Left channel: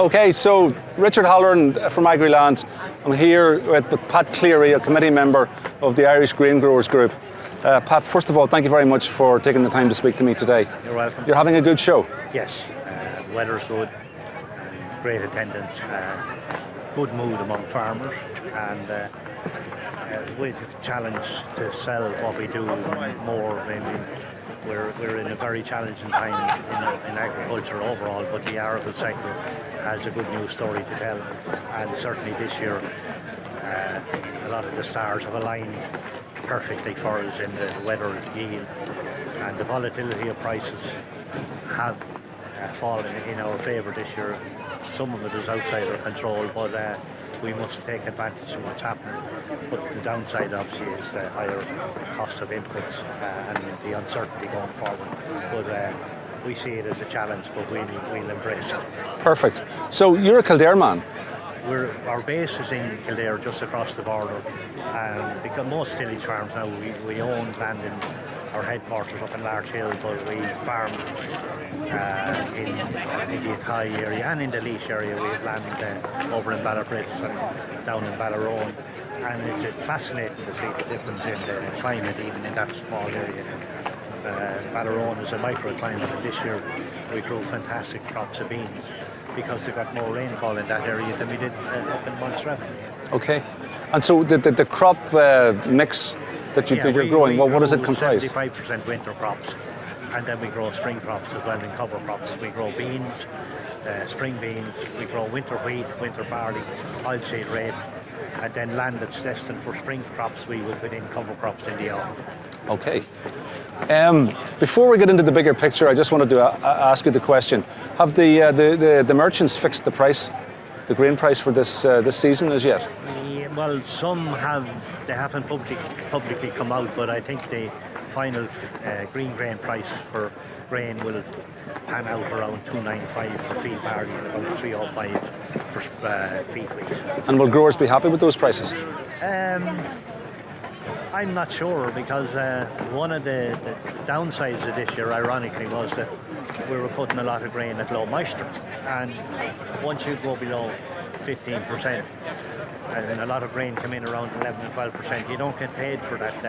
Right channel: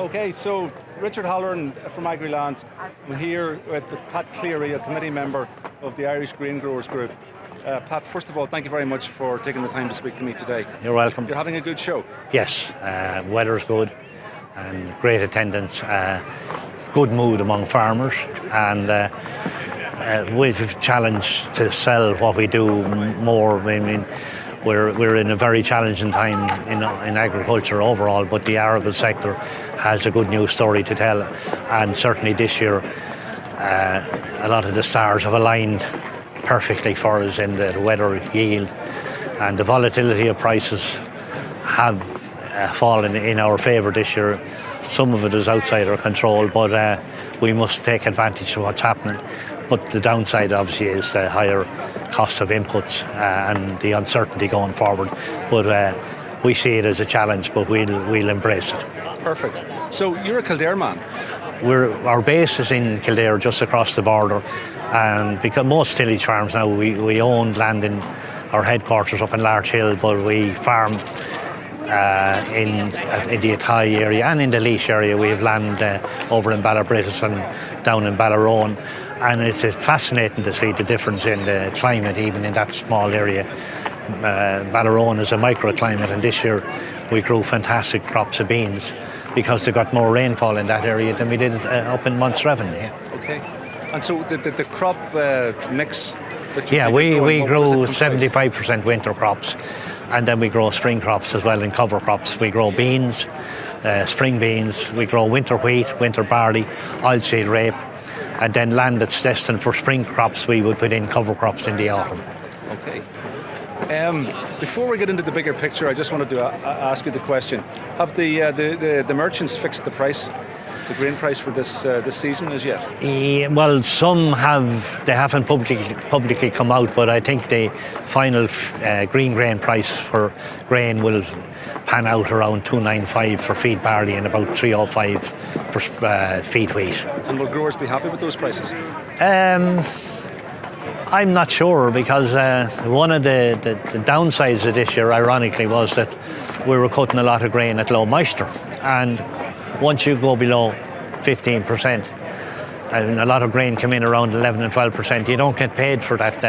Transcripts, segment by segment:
Okay, so Richard Halloran from Agriland. I'm here with Pat Cleary, a committee member of the Irish Grain Growers Group. Pat, first of all, thank you very much for taking the time to speak to me today. You're welcome. You're having a good show. Yes, weather's good and great attendance, good mood among farmers, and we've a challenge to sell what we do more. I mean, we're in a very challenging time in agriculture overall, but the arable sector has a good news story to tell, and certainly this year a lot of the stars have aligned perfectly for us in the weather, yield, and the volatility of prices have fallen in our favour this year. Some of it is outside our control, but we must take advantage of what's happening. But the downside obviously is the higher cost of inputs and the uncertainty going forward. But we see it as a challenge, but we'll embrace it. Perfect. So you're a Kildare man. Our base is in Kildare, just across the border, and because most tillage farms now, we own land in our headquarters up in Larch Hill, but we farm in the Athy area and in the Laois area. We have land over in Ballabrittis and down in Ballarone, and it's fascinating to see the difference in the climate even in that small area. Ballarone is a microclimate, and this year we grew fantastic crops of beans because they got more rainfall in that area than we did up in Montreven. Yeah. Okay. And so the crop mix that we growing, grow 75% winter crops, and then we grow spring crops as well in cover crops. We grow beans, spring beans, we grow winter wheat, winter barley, oilseed rape, and then land that's destined for spring crops we would put in cover crops in the autumn. Okay. Before we get into the bigger picture, I just wanted to ask you the question: have the merchants fixed the price, the grain price for this season as yet? Well, some have. They haven't publicly come out, but I think the final green grain price for grain will pan out around 295 for feed barley and about 305 for feed wheat. And will growers be happy with those prices? I'm not sure, because one of the downsides of this year, ironically, was that we were cutting a lot of grain at low moisture, and once you go below 15%, and a lot of grain come in around 11 and 12%, you don't get paid for that,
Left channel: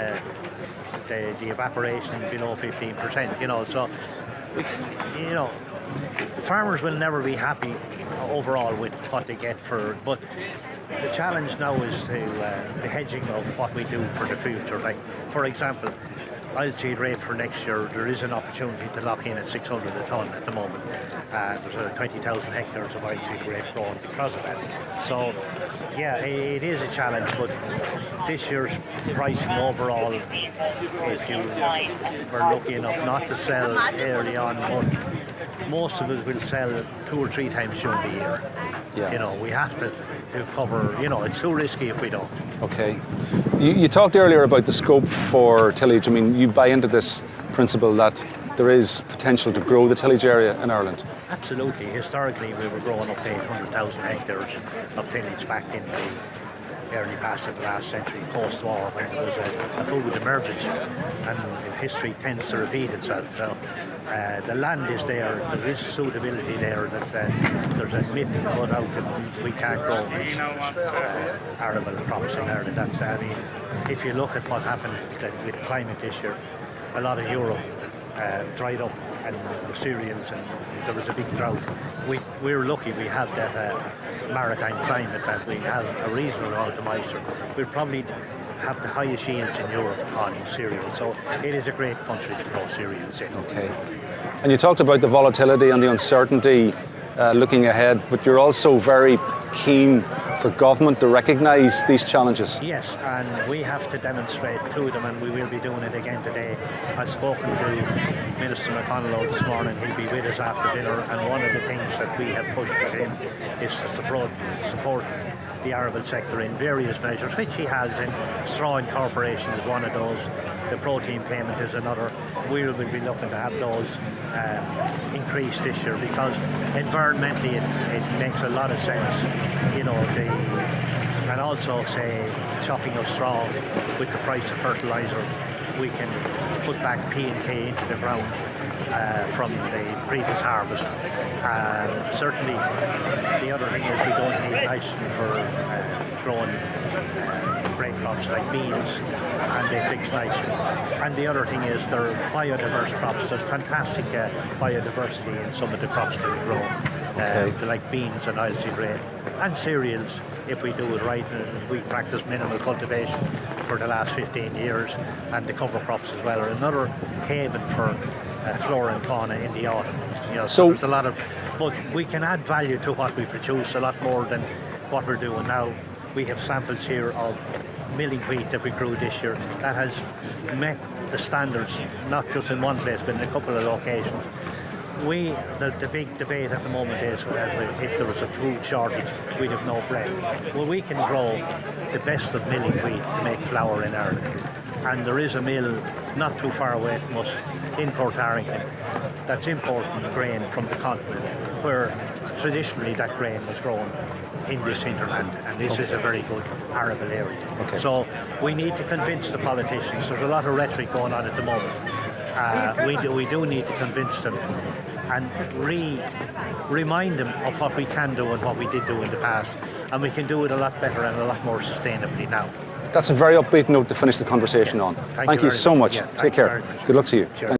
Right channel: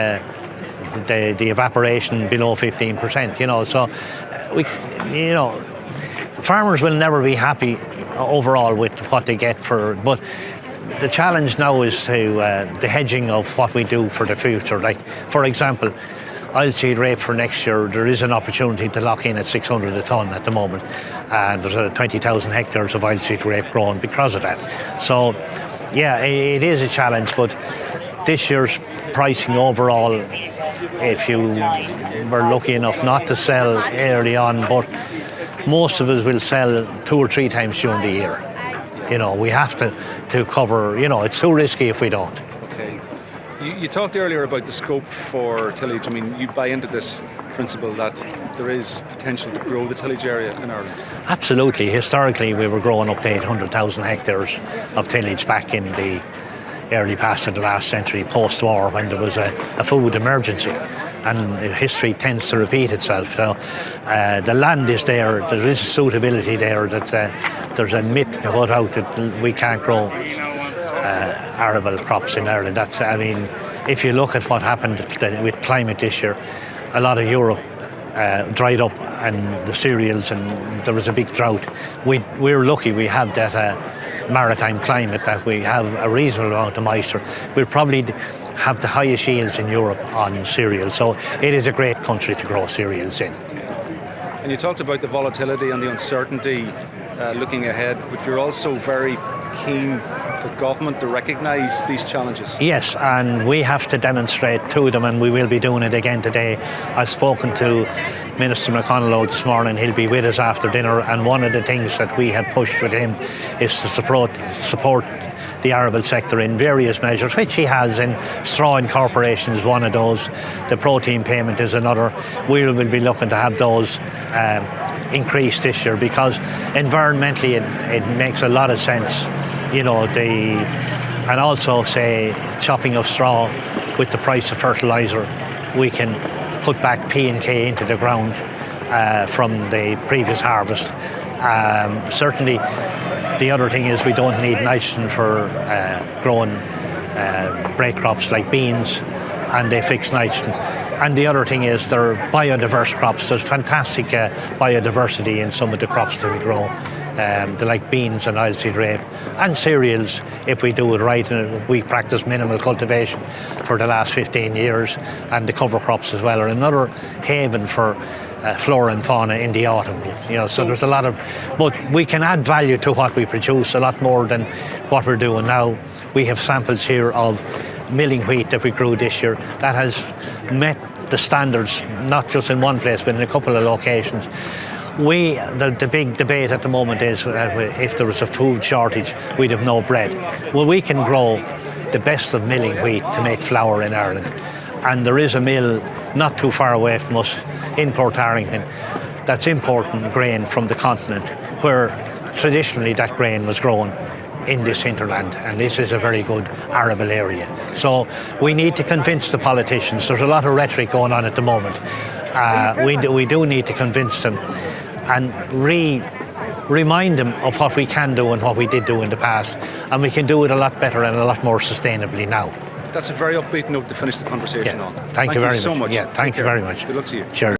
the evaporation below 15%, you know. So, farmers will never be happy overall with what they get but the challenge now is to the hedging of what we do for the future. Like, for example, oilseed rape for next year, there is an opportunity to lock in at 600 a tonne at the moment, and there's 20,000 hectares of oilseed rape grown because of that. So, yeah, it is a challenge, but this year's pricing overall, if you were lucky enough not to sell early on, but most of us will sell 2 or 3 times during the year. You know, we have to cover, it's too risky if we don't. Okay. You talked earlier about the scope for tillage. I mean, you buy into this principle that there is potential to grow the tillage area in Ireland? Absolutely. Historically, we were growing up to 800,000 hectares of tillage back in the early past of the last century, post-war, when there was a food emergency. And history tends to repeat itself. So the land is there is a suitability there, that there's a myth put out that we can't grow arable crops in Ireland. If you look at what happened with climate this year, a lot of Europe dried up, and the cereals, and there was a big drought. We're lucky we have that maritime climate, that we have a reasonable amount of moisture. We'll probably have the highest yields in Europe on cereals, so it is a great country to grow cereals in. Okay. And you talked about the volatility and the uncertainty looking ahead, but you're also very keen for government to recognise these challenges. Yes, and we have to demonstrate to them, and we will be doing it again today. I've spoken to Minister McConnell this morning. He'll be with us after dinner, and one of the things that we have pushed with him is to support the arable sector in various measures, which he has. In straw incorporation is one of those. The protein payment is another. We will be looking to have those increased this year, because environmentally it makes a lot of sense. And also, say, chopping of straw with the price of fertiliser, we can put back P and K into the ground from the previous harvest, Certainly, the other thing is we don't need nitrogen for growing break crops like beans, and they fix nitrogen. And the other thing is they're biodiverse crops. There's fantastic biodiversity in some of the crops that we grow. They like beans and oilseed rape and cereals if we do it right. And we practice minimal cultivation for the last 15 years, and the cover crops as well are another haven for flora and fauna in the autumn. So there's a lot of, but we can add value to what we produce a lot more than what we're doing now. We have samples here of milling wheat that we grew this year that has met the standards, not just in one place but in a couple of locations. The big debate at the moment is if there was a food shortage, we'd have no bread. Well, we can grow the best of milling wheat to make flour in Ireland, and there is a mill not too far away from us in Port Arlington that's importing grain from the continent, where traditionally that grain was grown in this hinterland, and this is a very good arable area. So we need to convince the politicians. There's a lot of rhetoric going on at the moment. We do need to convince them and remind them of what we can do and what we did do in the past, and we can do it a lot better and a lot more sustainably now. That's a very upbeat note to finish the conversation on. Thank you very so much. Yeah, thank you very much. Good luck to you. Sure.